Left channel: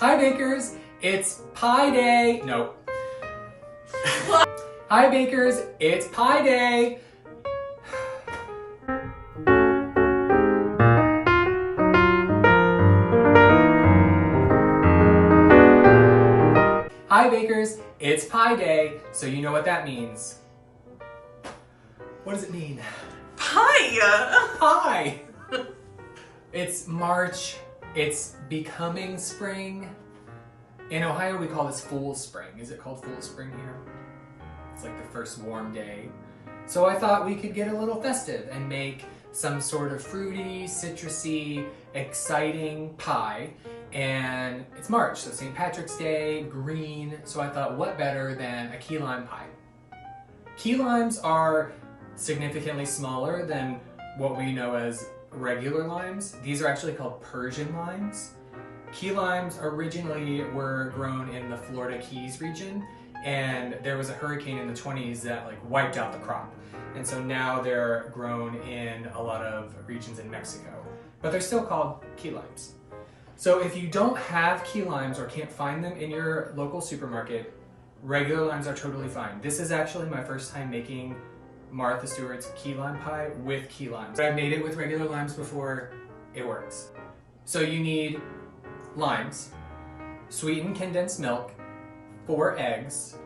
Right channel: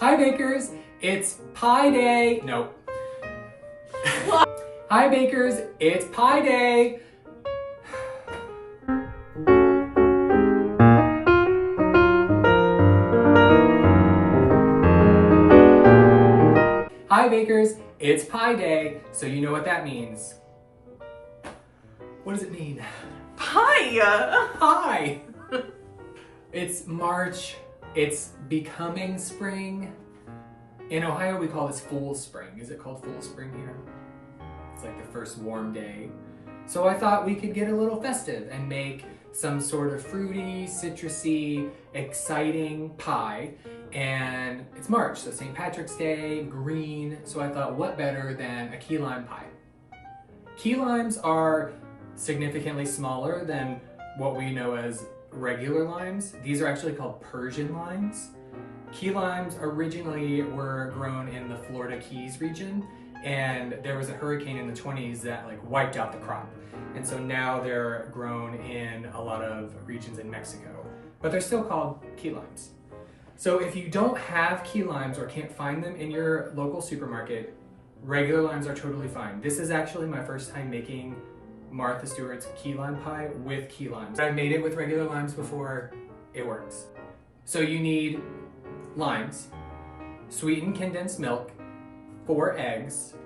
Hi bakers, it's pie day. No. Hi bakers, it's pie day. Hi bakers, it's pie day, so you know what that means. What does it mean? Pie! Pie! It's March, it's becoming spring. In Ohio we call this Fool's Spring. Is it called Fool's Spring here? It's like the first warm day. So I thought we could get a little festive and make some sort of fruity, citrusy, exciting pie. And it's March, so St. Patrick's Day, green. So I thought what better than a key lime pie? Key limes are significantly smaller than what we know as regular limes. These are actually called Persian limes. Key limes originally were grown in the Florida Keys region, and there was a hurricane in the 20s that wiped out the crop. And so now they're grown in a lot of regions in Mexico, but they're still called key limes. So if you don't have key limes or can't find them in your local supermarket, regular limes are totally fine. This is actually my first time making Martha Stewart's key lime pie with key limes. I've made it with regular limes before, it works. So you need limes, sweetened condensed milk, 4 eggs,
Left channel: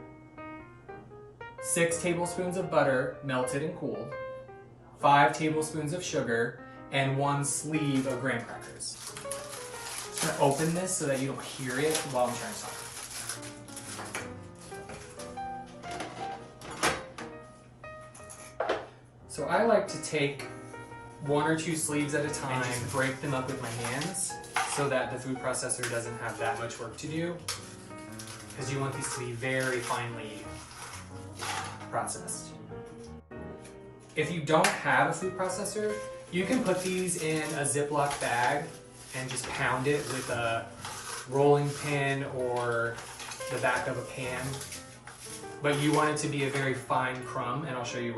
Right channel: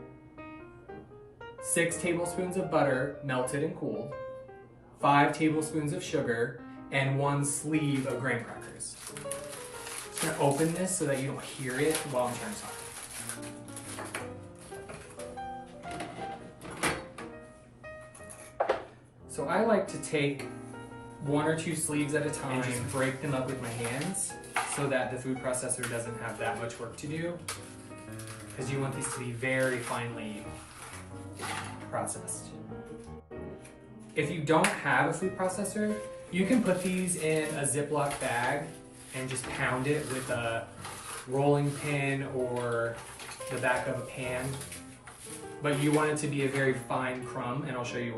6 tablespoons of butter melted and cooled, 5 tablespoons of sugar, and 1 sleeve of graham crackers. I'm just gonna open this so that you don't hear it while I'm trying to talk. So I like to take 1 or 2 sleeves at a time and just break them up with my hands so that the food processor doesn't have that much work to do, because you want these to be very finely processed. If you don't have a food processor, you can put these in a Ziploc bag and just pound it with a rolling pin or the back of a pan. But you want it to be a very fine crumb, and I'll show you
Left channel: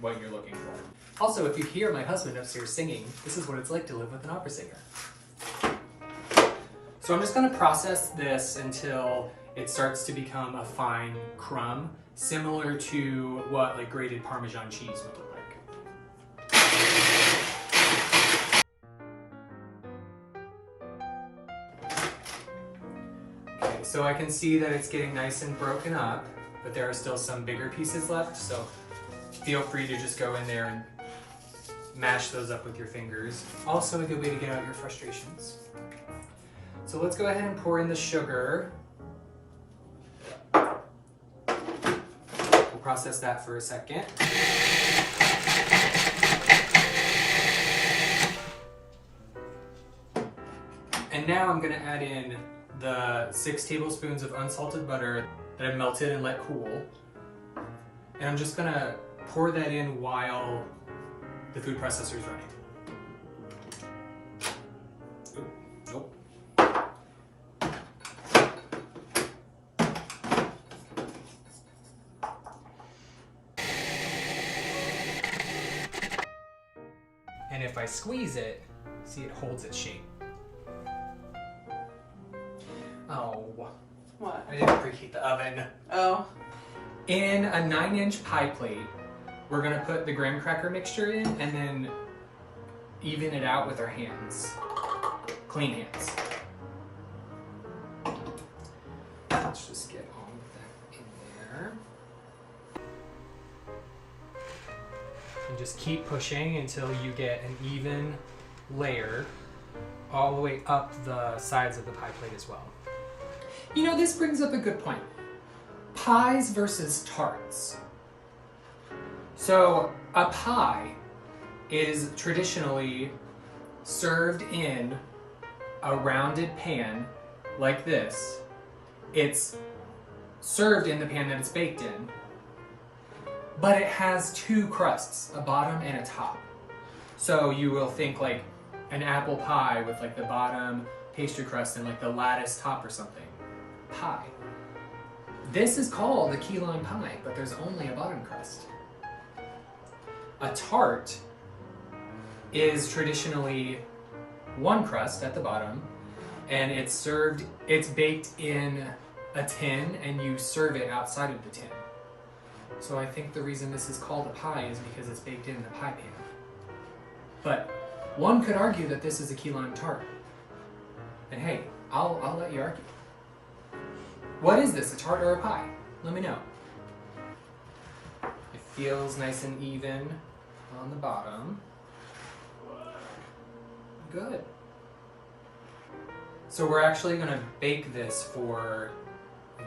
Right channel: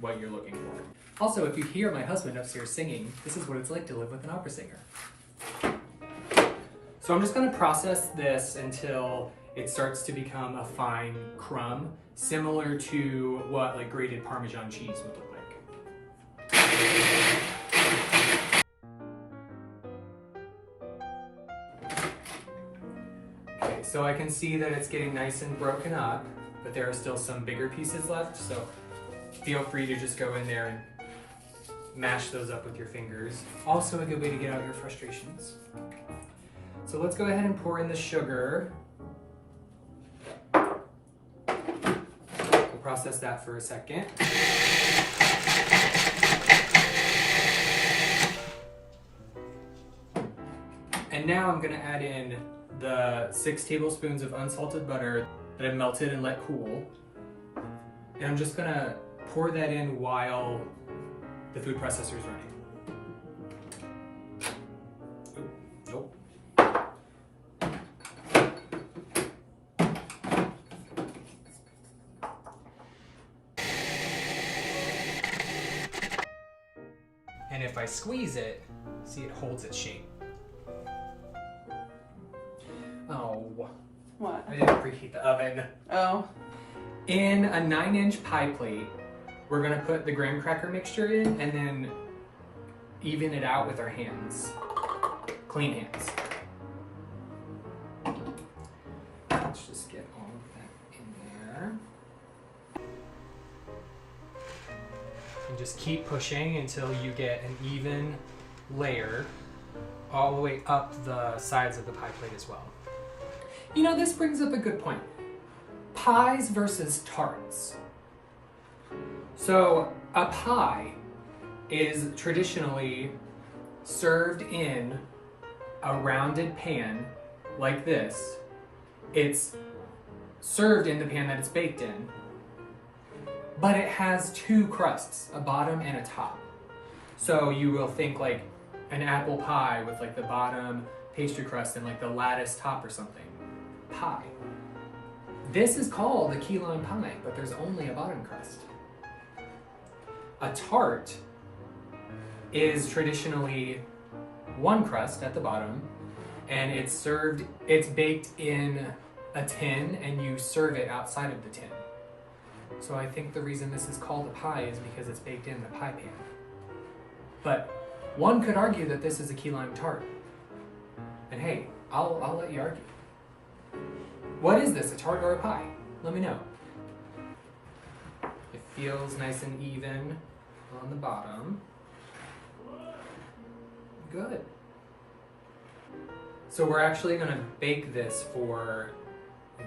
what you're looking for. Also, if you hear my husband upstairs singing, this is what it's like to live with an opera singer. So I'm just gonna process this until it starts to become a fine crumb, similar to what grated Parmesan cheese would look like. Okay, so I can see that it's getting nice and broken up, but there are still some bigger pieces left, so feel free to just go in there and mash those up with your fingers. Also a good way to get out your frustrations. So let's go ahead and pour in the sugar. We'll process that for a second. And now I'm gonna add in the 6 tablespoons of unsalted butter that I've melted and let cool. And I'm just gonna pour that in while the food processor is running. Nope. And if I squeeze it, see, it holds its shape. Oh. What? I didn't preheat the oven. Oh. In a 9-inch pie plate, we're gonna put the graham cracker mixture in and then even it out with our hands. Clean hands. Let's just get all of that in there. And just keep pushing until you get an even layer all the way up the sides of the pie plate as well. You know, this brings up a good point. Pies versus tarts. So a pie is traditionally served in a rounded pan like this. It's served in the pan that it's baked in, but it has 2 crusts, a bottom and a top. So you will think like an apple pie with the bottom pastry crust and the lattice top or something. Pie. This is called a key lime pie, but there's only a bottom crust. A tart is traditionally 1 crust at the bottom and it's baked in a tin, and you serve it outside of the tin. So I think the reason this is called a pie is because it's baked in the pie pan. But one could argue that this is a key lime tart. And hey, I'll let you argue. What is this, a tart or a pie? Let me know. It feels nice and even on the bottom. Good. So we're actually gonna bake this for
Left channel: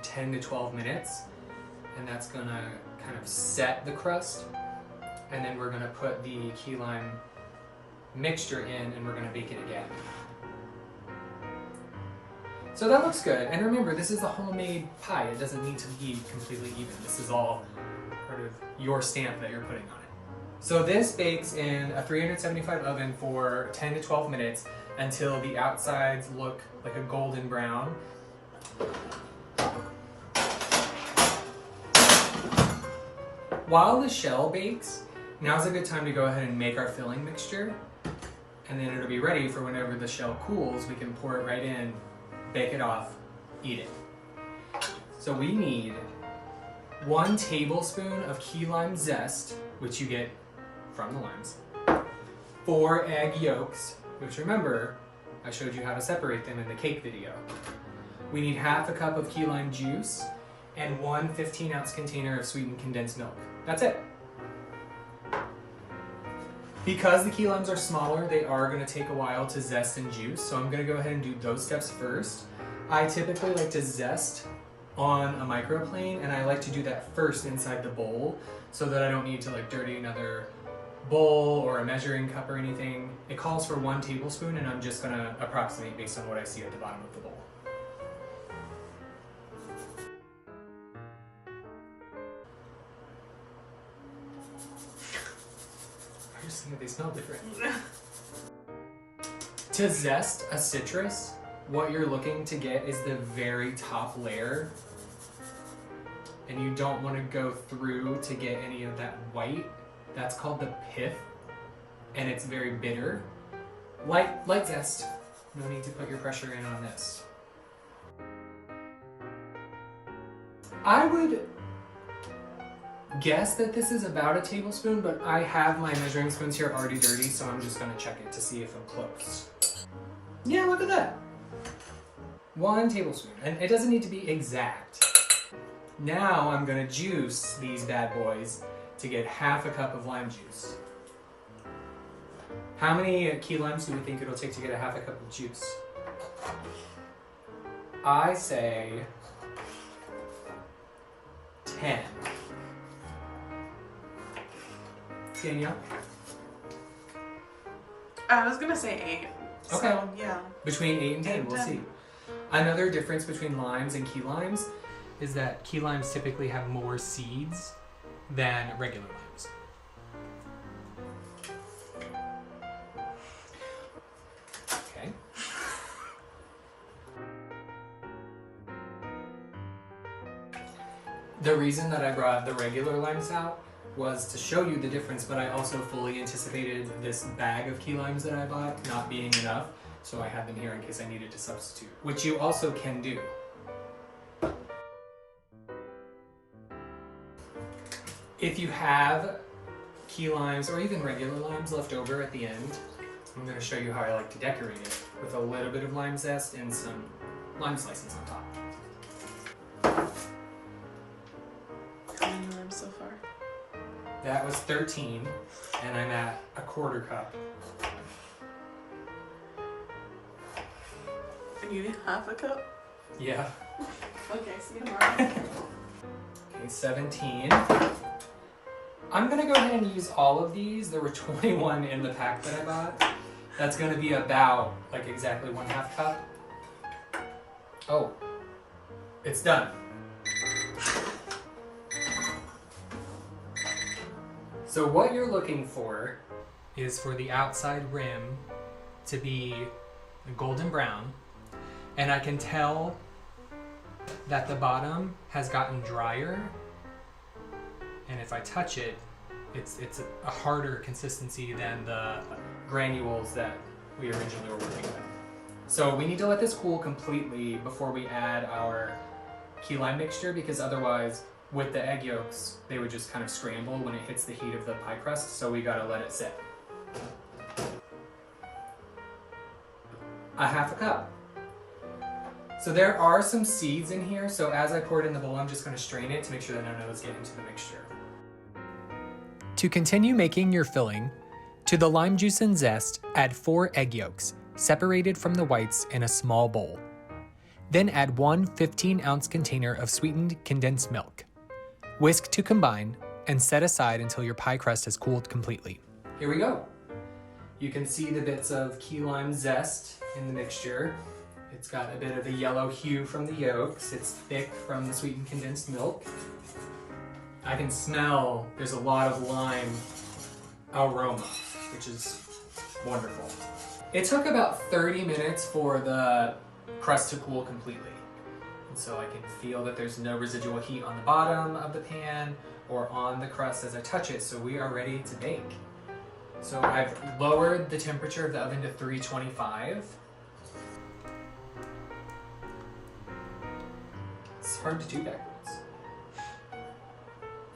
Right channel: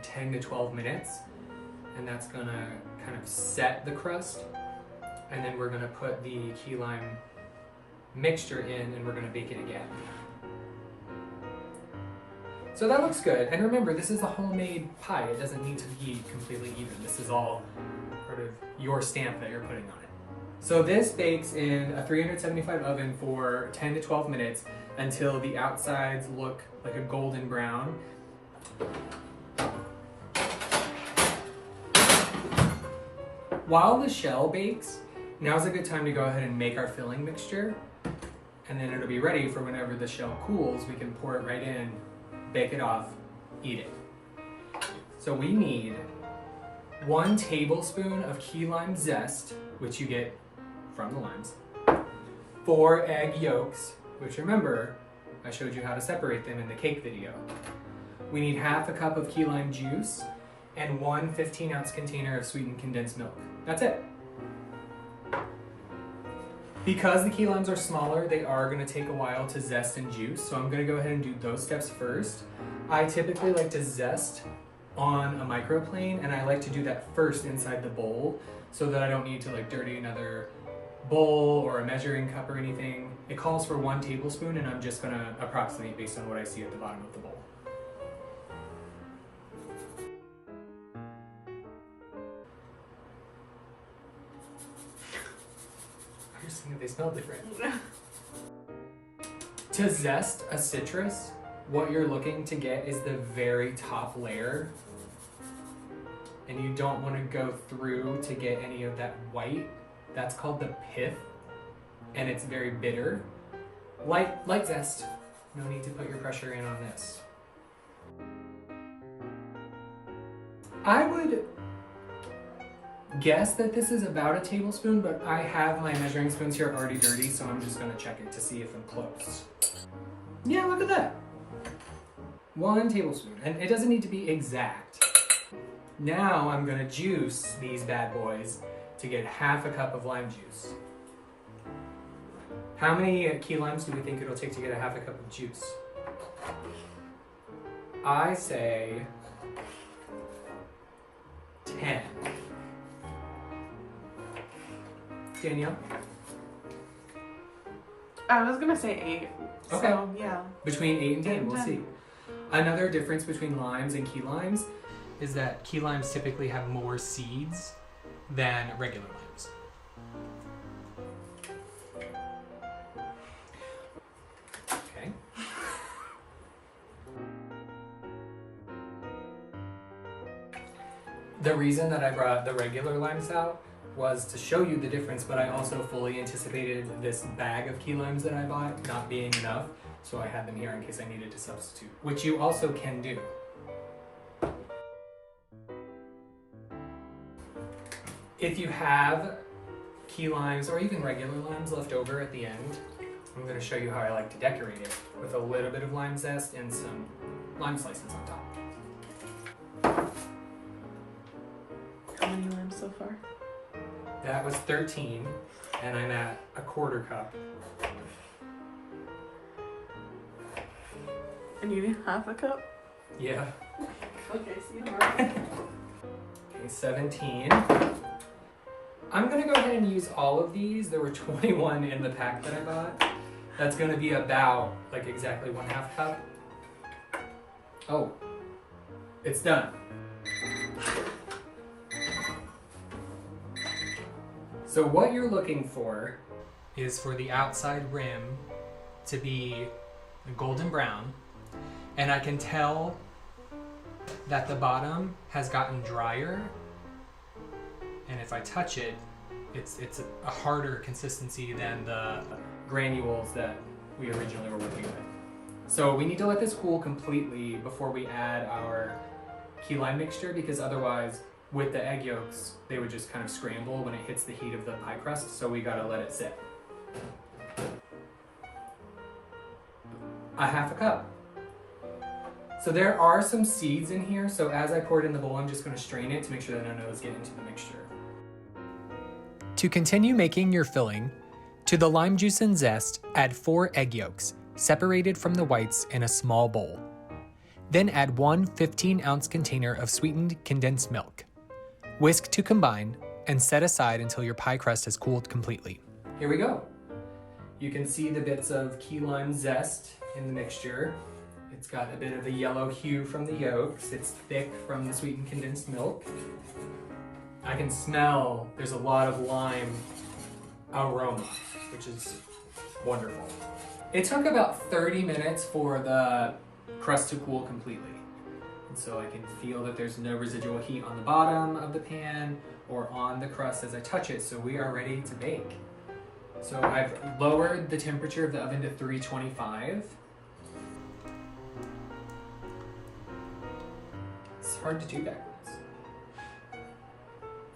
10 to 12 minutes, and that's gonna kind of set the crust, and then we're gonna put the key lime mixture in, and we're gonna bake it again. So that looks good. And remember, this is a homemade pie. It doesn't need to be completely even. This is all part of your stamp that you're putting on it. So this bakes in a 375 oven for 10 to 12 minutes until the outsides look like a golden brown. While the shell bakes, now's a good time to go ahead and make our filling mixture, and then it'll be ready for whenever the shell cools. We can pour it right in, bake it off, eat it. So we need 1 tablespoon of key lime zest, which you get from the limes, 4 egg yolks, which remember, I showed you how to separate them in the cake video. We need half a cup of key lime juice and 1 15-ounce container of sweetened condensed milk. That's it. Because the key limes are smaller, they are gonna take a while to zest and juice, so I'm gonna go ahead and do those steps first. I typically like to zest on a microplane, and I like to do that first inside the bowl so that I don't need to like dirty another bowl or a measuring cup or anything. It calls for 1 tablespoon, and I'm just gonna approximate based on what I see at the bottom of the bowl. I just think that they smell different. To zest a citrus, what you're looking to get is the very top layer, and you don't want to go through to get any of that white. That's called the pith, and it's very bitter. Light zest. No need to put your pressure in on this. I would guess that this is about a tablespoon, but I have my measuring spoons here already dirty, so I'm just gonna check it to see if I'm close. Yeah, look at that. 1 tablespoon, and it doesn't need to be exact. Now I'm gonna juice these bad boys to get half a cup of lime juice. How many key limes do we think it'll take to get a half a cup of juice? I say 10. Danielle? I was gonna say 8. Okay. So, yeah. Between 8 and 10, we'll see. Another difference between limes and key limes is that key limes typically have more seeds than regular limes. Okay. The reason that I brought the regular limes out was to show you the difference, but I also fully anticipated this bag of key limes that I bought not being enough, so I had them here in case I needed to substitute, which you also can do. If you have key limes or even regular limes left over at the end, I'm going to show you how I like to decorate it with a little bit of lime zest and some lime slices on top. How many limes so far? That was 13, and I'm at a 1/4 cup. And you need half a cup? Yeah. Okay, see you tomorrow. Okay, 17. I'm gonna go ahead and use all of these. There were 21 in the pack that I bought. That's gonna be about like exactly 1/2 cup. Oh, it's done. So what you're looking for is for the outside rim to be golden brown, and I can tell that the bottom has gotten drier, and if I touch it, it's a harder consistency than the granules that we originally were working with. So we need to let this cool completely before we add our key lime mixture, because otherwise with the egg yolks, they would just kind of scramble when it hits the heat of the pie crust. So we gotta let it sit. A half a cup. So there are some seeds in here. So as I pour it in the bowl, I'm just gonna strain it to make sure that none of those get into the mixture. To continue making your filling, to the lime juice and zest, add 4 egg yolks, separated from the whites in a small bowl. Then add 1 15-ounce container of sweetened condensed milk. Whisk to combine and set aside until your pie crust has cooled completely. Here we go. You can see the bits of key lime zest in the mixture. It's got a bit of a yellow hue from the yolks. It's thick from the sweetened condensed milk. I can smell there's a lot of lime aroma, which is wonderful. It took about 30 minutes for the crust to cool completely. And so I can feel that there's no residual heat on the bottom of the pan or on the crust as I touch it, so we are ready to bake. So I've lowered the temperature of the oven to 325. It's hard to do backwards.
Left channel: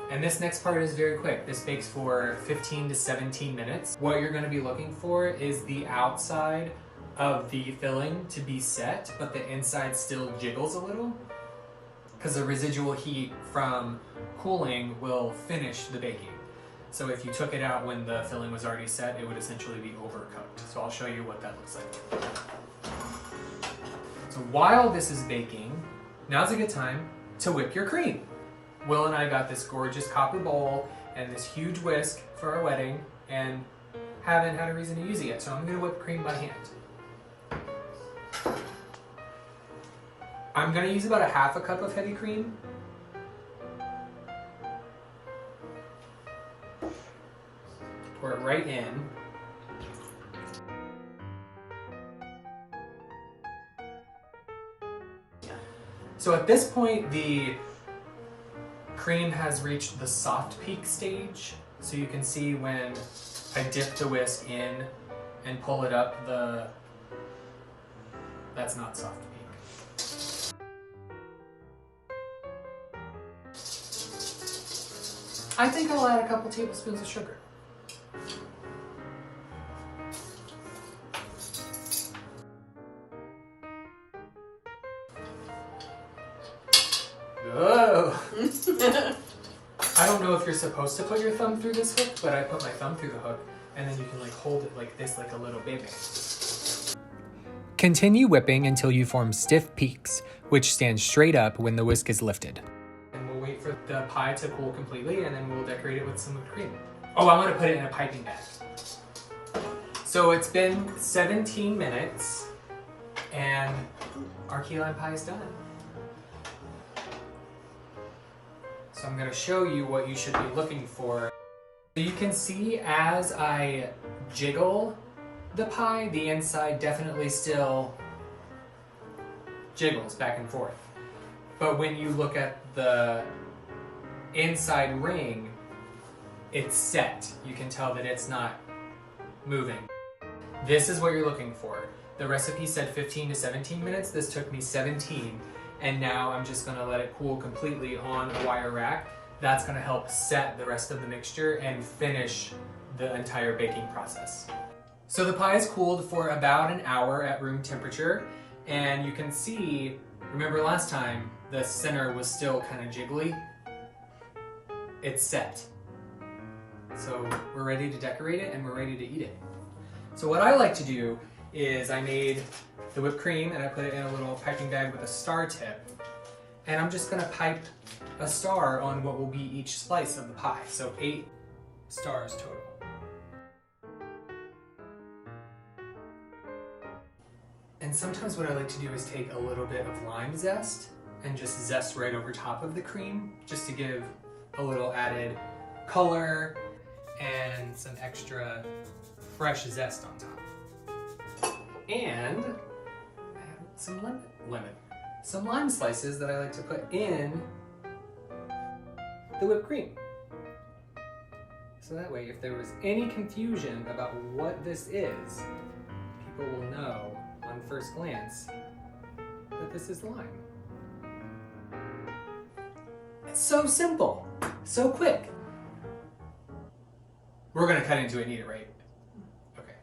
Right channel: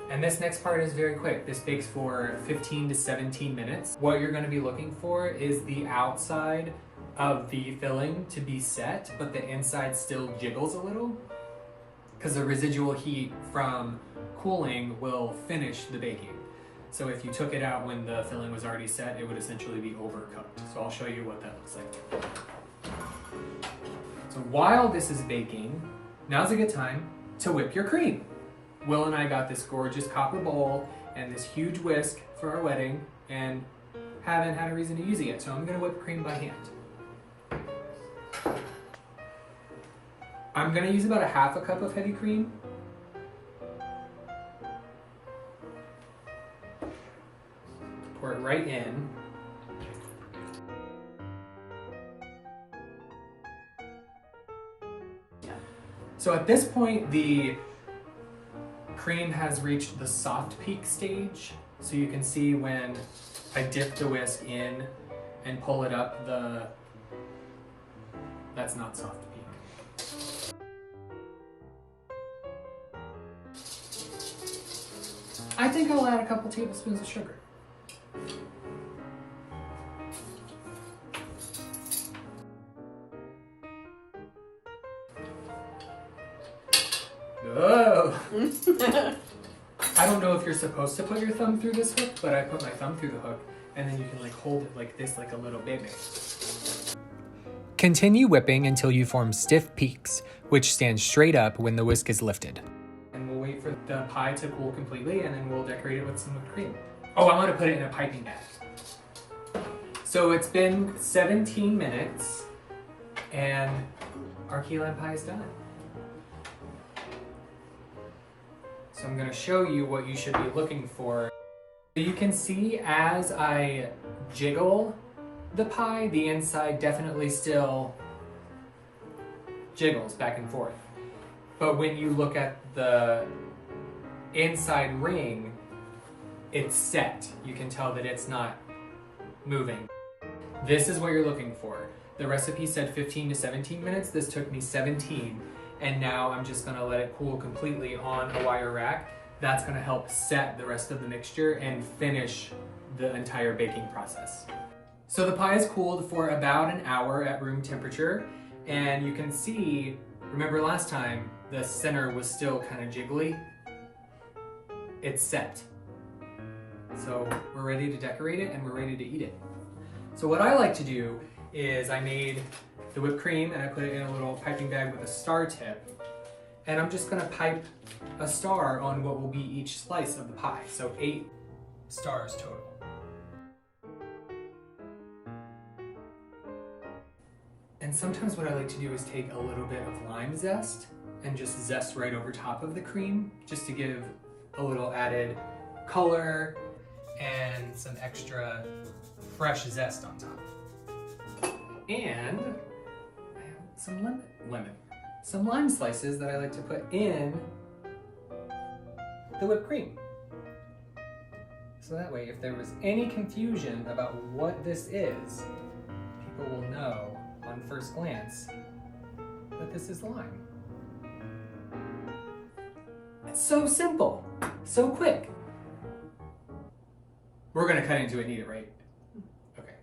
And this next part is very quick. This bakes for 15 to 17 minutes. What you're gonna be looking for is the outside of the filling to be set, but the inside still jiggles a little, because the residual heat from cooling will finish the baking. So if you took it out when the filling was already set, it would essentially be overcooked. So I'll show you what that looks like. So while this is baking, now's a good time to whip your cream. Will and I got this gorgeous copper bowl and this huge whisk for our wedding and haven't had a reason to use it yet, so I'm gonna whip cream by hand. I'm gonna use about a half a cup of heavy cream. Pour it right in. So at this point, the cream has reached the soft peak stage. So you can see when I dip the whisk in and pull it up, that's not soft peak. I think I'll add a couple tablespoons of sugar. Oh! I don't know if you're supposed to put your thumb through this hook, but I put my thumb through the hook, and then you can like hold it like this, like a little baby. Continue whipping until you form stiff peaks, which stand straight up when the whisk is lifted. And we'll wait for the pie to cool completely, and then we'll decorate it with some whipped cream. Oh, I want to put it in a piping bag. So it's been 17 minutes, and our key lime pie is done. So I'm going to show you what you should be looking for. You can see as I jiggle the pie, the inside definitely still jiggles back and forth. But when you look at the inside ring, it's set. You can tell that it's not moving. This is what you're looking for. The recipe said 15 to 17 minutes. This took me 17. And now I'm just gonna let it cool completely on a wire rack. That's gonna help set the rest of the mixture and finish the entire baking process. So the pie is cooled for about an hour at room temperature, and you can see, remember last time, the center was still kind of jiggly. It's set. So we're ready to decorate it and we're ready to eat it. So what I like to do is I made the whipped cream and I put it in a little piping bag with a star tip. And I'm just gonna pipe a star on what will be each slice of the pie. So 8 stars total. And sometimes what I like to do is take a little bit of lime zest and just zest right over top of the cream, just to give a little added color and some extra fresh zest on top. And I have some some lime slices that I like to put in the whipped cream. So that way, if there was any confusion about what this is, people will know on on first glance that this is lime. It's so simple, so quick. We're gonna cut into it and eat it, right? Okay.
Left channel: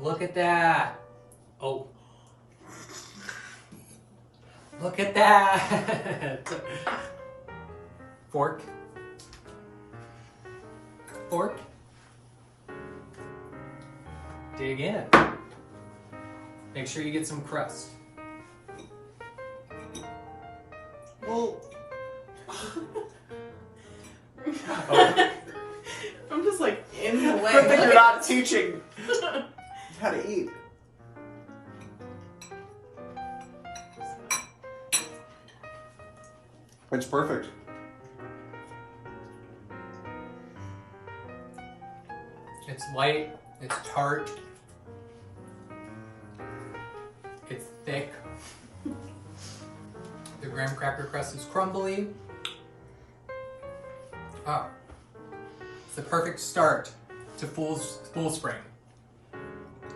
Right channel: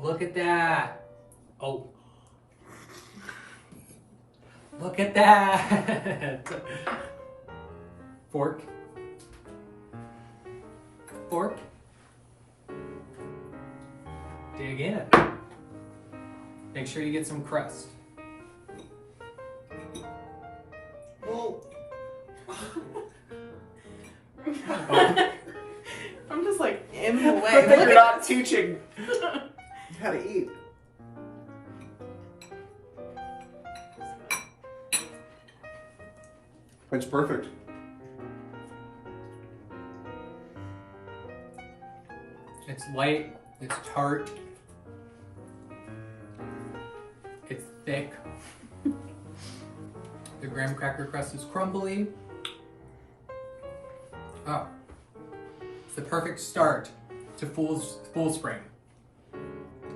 Look at that. Oh. Look at that. Fork. Fork. Dig in. Make sure you get some crust. Well, Oh. I'm just like in the way. Good thing you're not teaching how to eat. It's perfect. It's light, it's tart, it's thick. The graham cracker crust is crumbly. Oh, it's the perfect start to Fool Spring.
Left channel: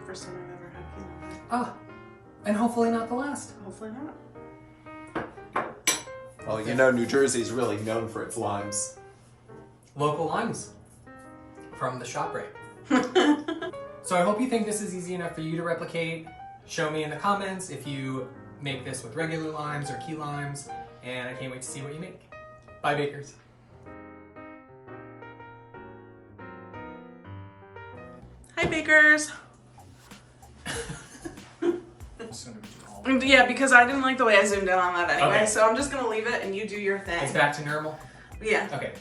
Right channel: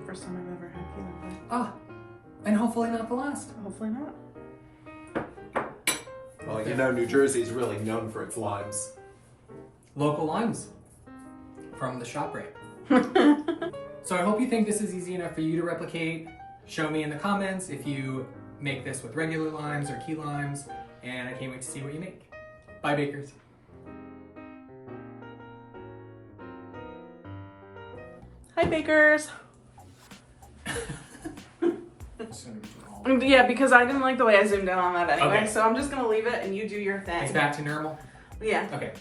First time I've ever had peanut butter. Ah, and hopefully not the last. Hopefully not. Well, you know, New Jersey's really known for its limes. Local limes from the shop right. So I hope you think this is easy enough for you to replicate. Show me in the comments if you make this with regular limes or key limes, and I can't wait to see what you make. Bye, bakers. Hi, bakers. Just gonna do all- Yeah, because I didn't like the way I zoomed in on that anyway, Okay. so I'm just gonna leave it and you do your thing. It's back to normal? Yeah. Okay.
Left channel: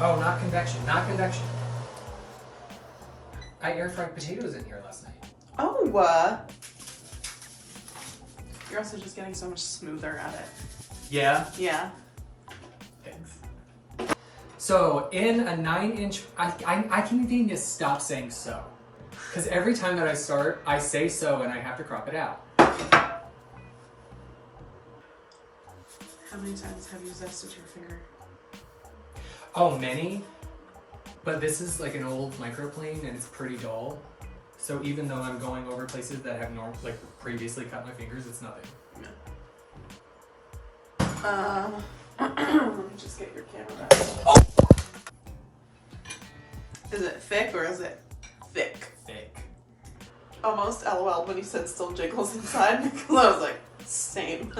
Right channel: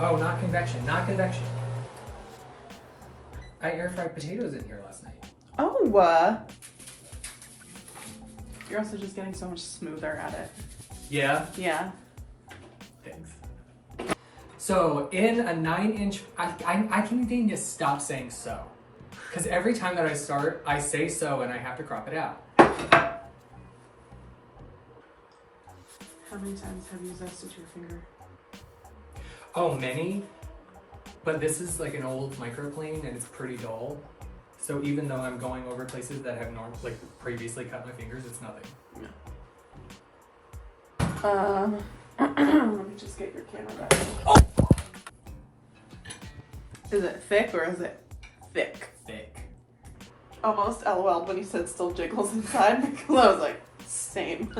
Oh, not convection, not convection. I air fried potatoes in here last night. Oh, you're also just getting so much smoother at it. Yeah? Yeah. Thanks. So in a 9-inch, I can't even just stop saying so. Because every time that I start, I say so and I have to crop it out. How many times have you zested your finger? Oh, many. But this is like an old microplane and it's pretty dull. So even though I'm going over places that have previously cut my fingers, it's nothing. Let me just get your camera. Oh! Is it thick or is it thick? Thick. Almost LOL when you said still jiggles inside because I was like, same.